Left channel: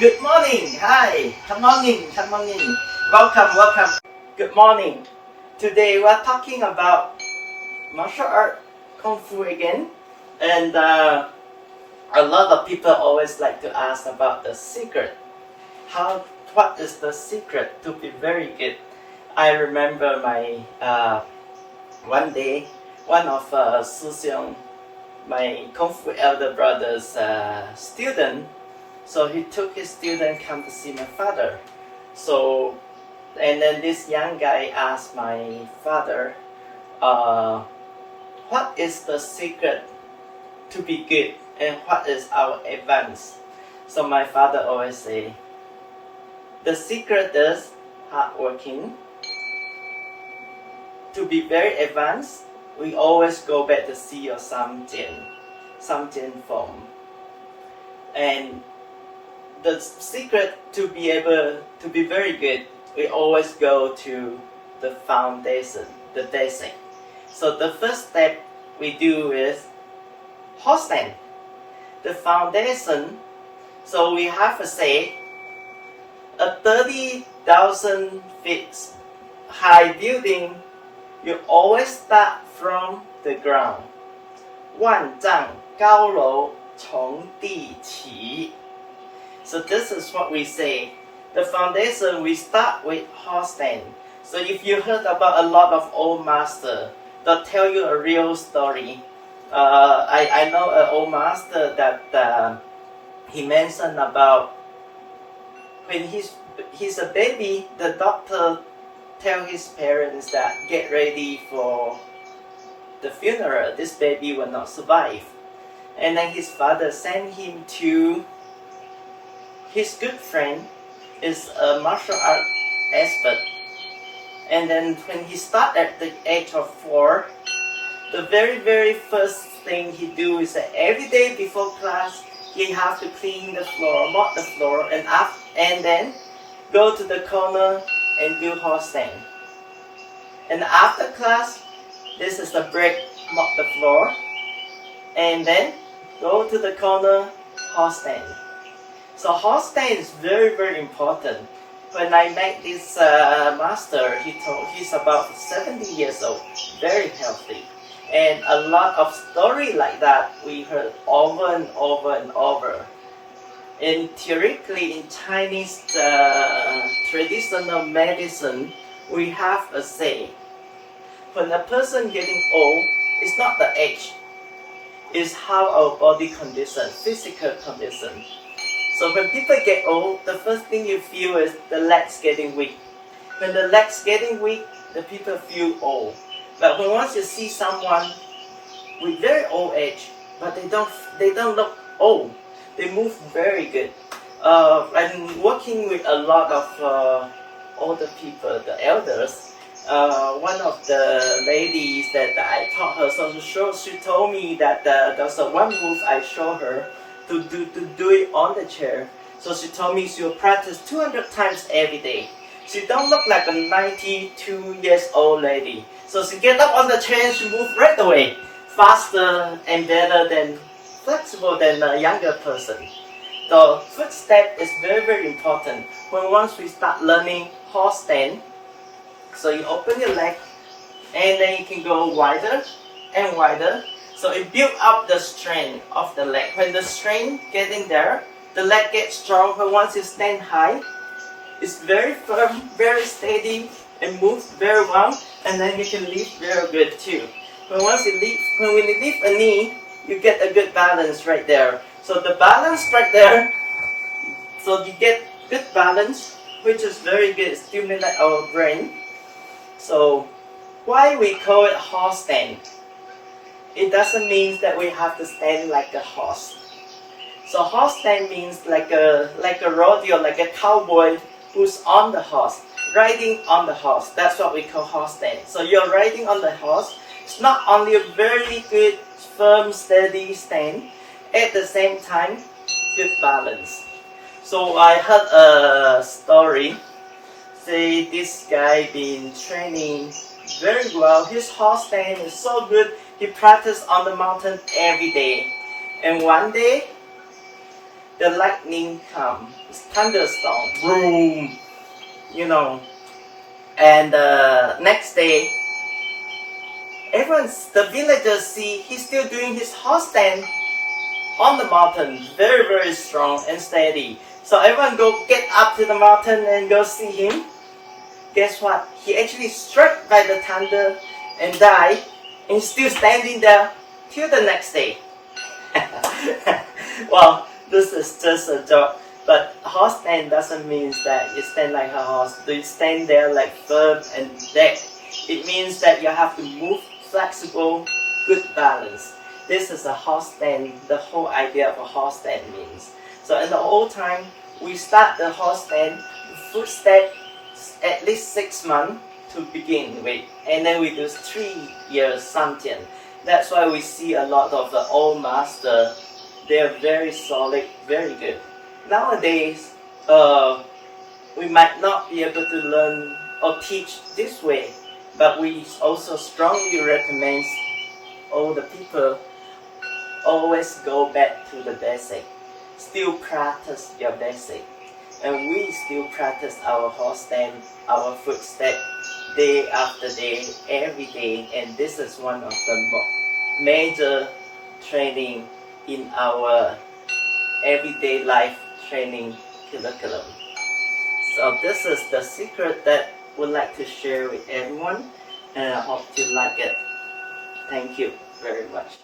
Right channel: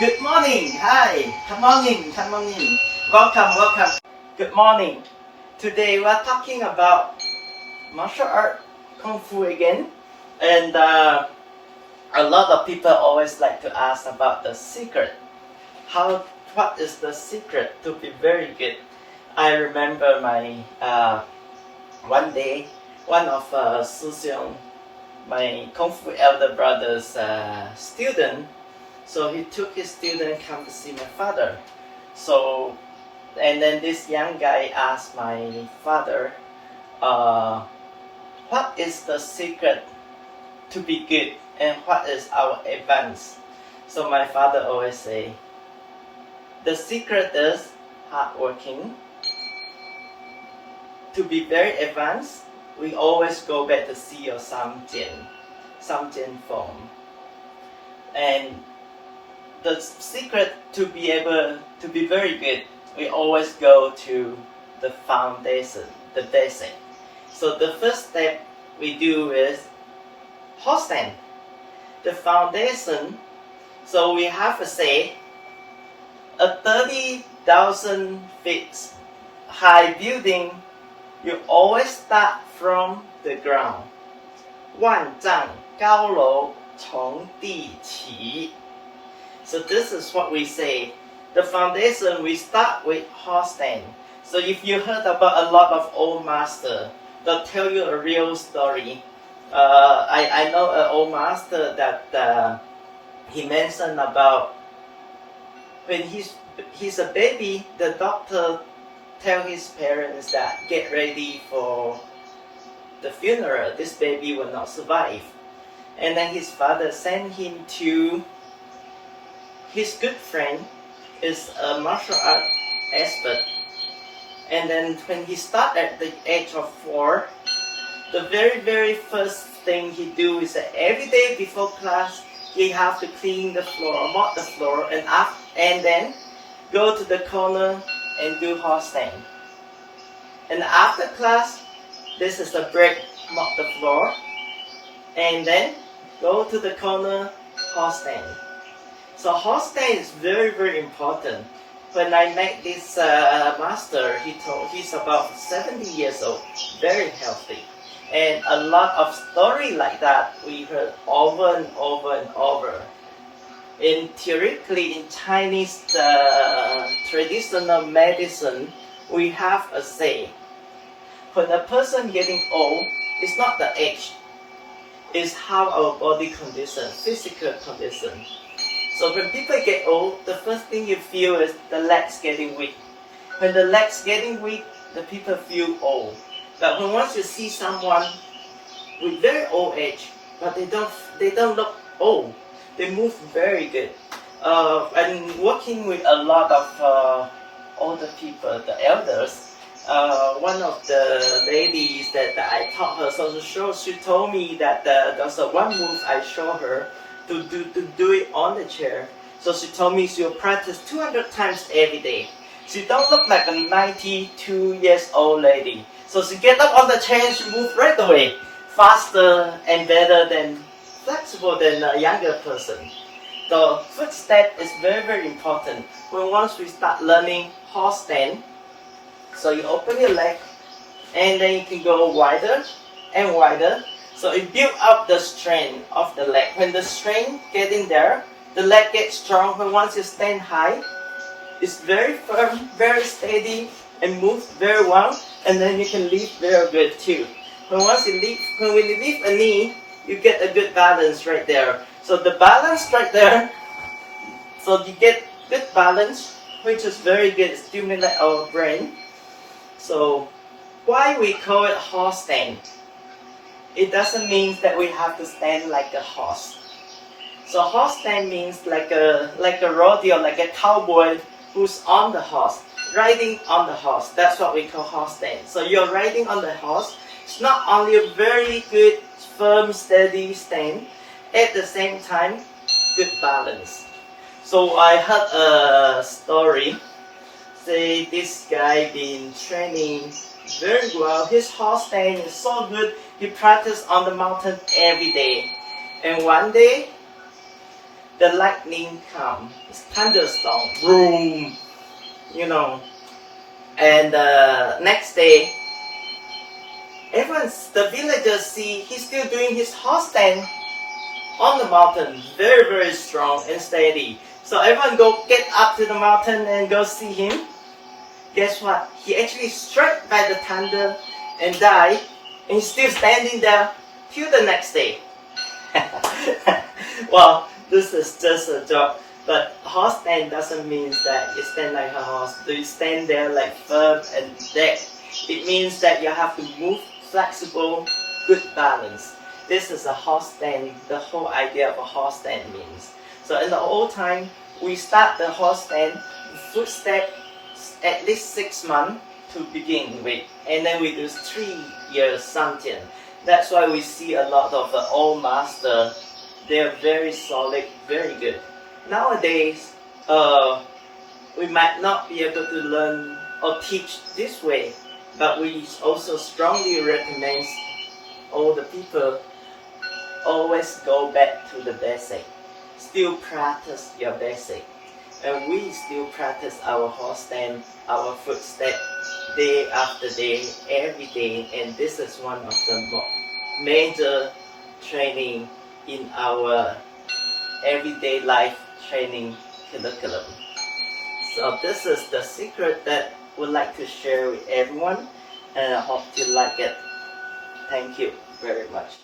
Good morning. Hi. Come on in. Come on in. Welcome. Good morning. Today we're talking about martial art, kung fu again, and a lot of people always like to ask about the secret. What is the secret to be very good? I remember my one day, one of Su Xiong, my kung fu elder brother's student. So he took his student come to see my father. So, and then this young guy asked my father, what is the secret to be good and what is our advance? So my father always say, the secret is hardworking. To be very advanced, we always go back to see your Samjian form. And the secret to be able to be very good, we always go to the foundation, the basic. So the first step we do is horse stand. The foundation, so we have to say a 30,000 feet high building, you always start from the ground. 万丈高楼从地起. So this is what we say. The foundation, we start with horse stand. So if you heard about a lot of old master, they'll tell you a real story. I know an old master that he mentioned about when he's a baby, the doctor tell his parents that get ready for the funeral. This baby will not survive. And then his father sent him to his good friend, is a martial art expert. And then when he started at the age of 4, the very first thing he do is that every day before class, he have to clean the floor, mop the floor, and then go to the corner and do horse stand. And after class, this is the break, mop the floor, and then go to the corner, horse stand. So horse stand is very important. When I met this master, he's about 70 years old, very healthy. And a lot of story like that we heard over and over. And theoretically in Chinese traditional medicine, we have a say. When a person getting old, it's not the age, it's how our body condition, physical condition. So when people get old, the first thing you feel is the legs getting weak. When the legs getting weak, the people feel old. But when once you see someone with very old age, but they don't look old, they move very good. I'm working with a lot of older people, the elders. One of the ladies that I taught her, so she told me that there's one move I showed her to do it on the chair. So she told me she'll practice 200 times every day. She don't look like a 92 years old lady. So she get up on the chair and she move right away, faster and better than flexible than a younger person. The footstep is very important. When once we start learning horse stand, so you open your leg and then you can go wider and wider. So it build up the strength of the leg. When the strength getting there, the leg gets strong. When once you stand high, it's very firm, very steady, and moves very well. And then you can lift very good too. When you lift a knee, you get a good balance right there. So the balance right there, so you get good balance, which is very good, stimulate our brain. So why we call it horse stand? It doesn't mean that we have to stand like a horse. So horse stand means like a rodeo, like a cowboy who's on the horse, riding on the horse. That's what we call horse stand. So you're riding on the horse. It's not only a very good, firm, steady stand, at the same time, good balance. So I heard a story. Say this guy been training very well. His horse stand is so good. He practiced on the mountain every day. And one day, the lightning come, it's thunderstorm, boom, you know. And the next day, the villagers see he's still doing his horse stand on the mountain, very, very strong and steady. So everyone go get up to the mountain and go see him. Guess what? He actually struck by the thunder and died, and he's still standing there till the next day. Well, this is just a joke, but horse stand doesn't mean that you stand like a horse. You stand there like firm and dead. It means that you have to move flexible, good balance. This is a horse stand, the whole idea of a horse stand means. So in the old time, we start the horse stand, footstep, at least 6 months to begin with, and then we do 3 years santian. That's why we see a lot of the old master. They're very solid, very good. Nowadays, we might not be able to learn or teach this way, but we also strongly recommend all the people always go back to the basic. Still practice your basic. And we still practice our horse stand, our footstep, day after day, every day. And this is one of the major training in our everyday life training curriculum. So this is the secret that we'd like to share with everyone, and I hope you like it. Thank you very much.